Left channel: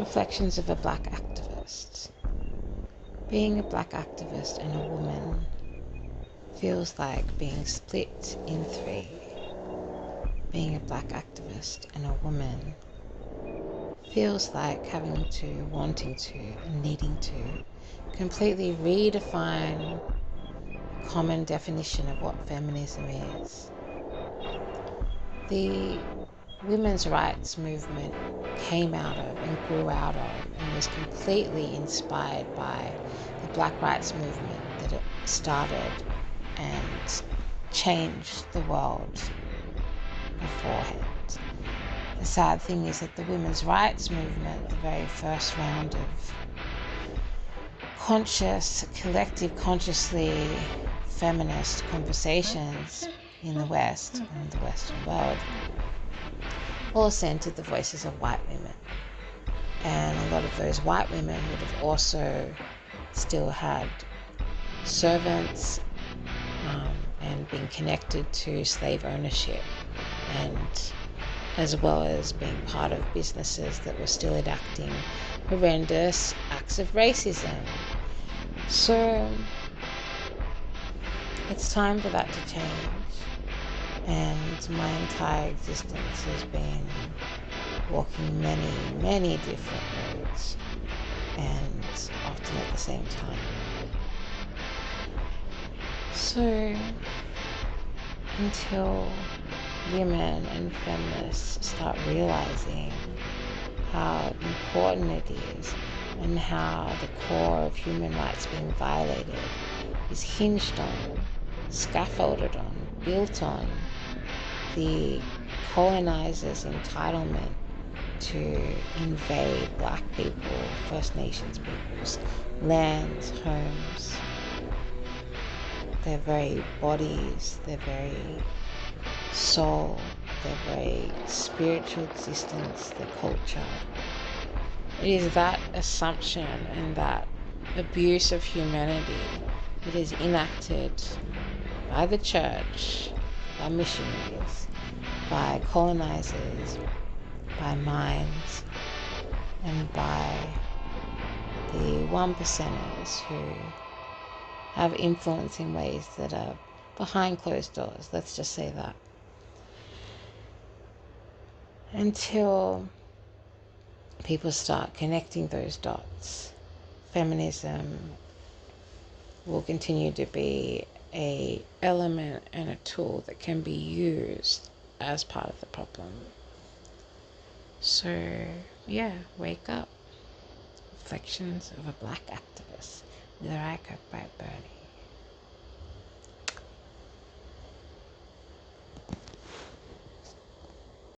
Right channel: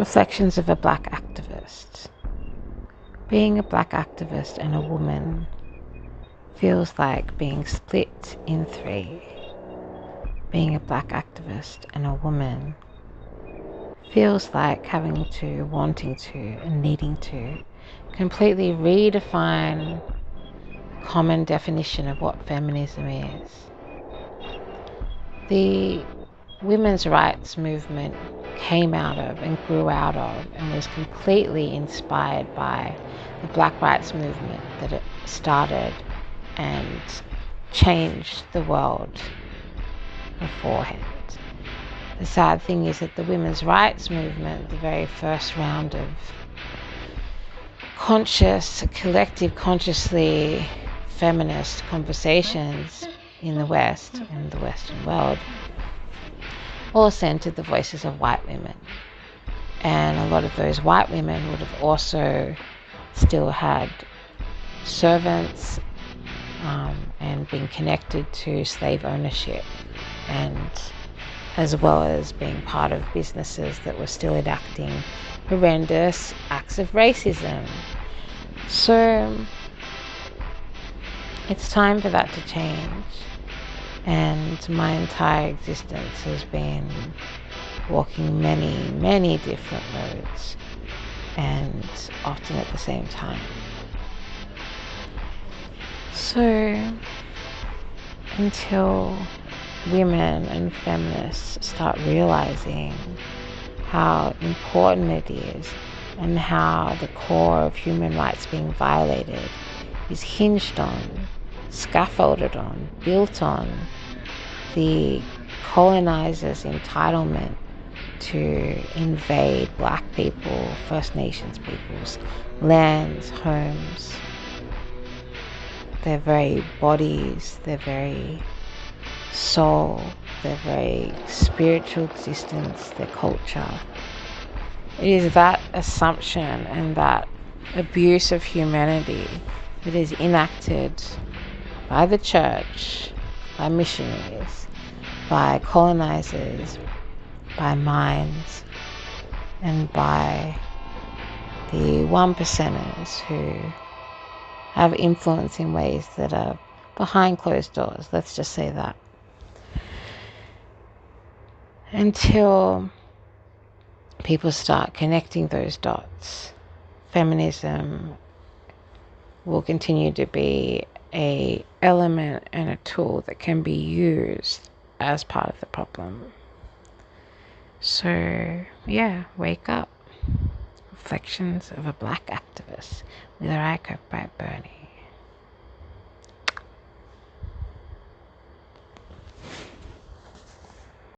Reflections of a Black activist. Being a Black activist and a woman feels like being split in three. Being a Black activist and a woman feels like having to, wanting to, and needing to completely redefine the common definition of what feminism is. The women's rights movement came out of and grew out of and was completely inspired by the Black rights movement that it started and changed the world beforehand. The sad thing is that the women's rights movement, the very first round of collectively feminist conversations in the West and the Western world, all centered the voices of white women. And a lot of those white women would have also still had servants and been connected to slave ownership, and as well as being part of businesses that were still enacting horrendous acts of racism. So it's time for that to change. And my entire existence has been walking many different roads, and often at the same time. So until women and feminists start realizing how important it is and how the core of human rights being violated is hinged on, scaffolded on, built on the colonizers' entitlement to invade Black people, First Nations peoples, lands, homes, their very bodies, their very soul, their very spiritual existence, their culture. It is that assumption and that abuse of humanity that is enacted by the church, by missionaries, by colonizers, by minds, and by the 1%ers who have influence in ways that are behind closed doors. Let's just say that. Until people start connecting those dots, feminism will continue to be an element and a tool that can be used as part of the problem. So, yeah, wake up. Reflections of a Black activist. Willurai by Bernie.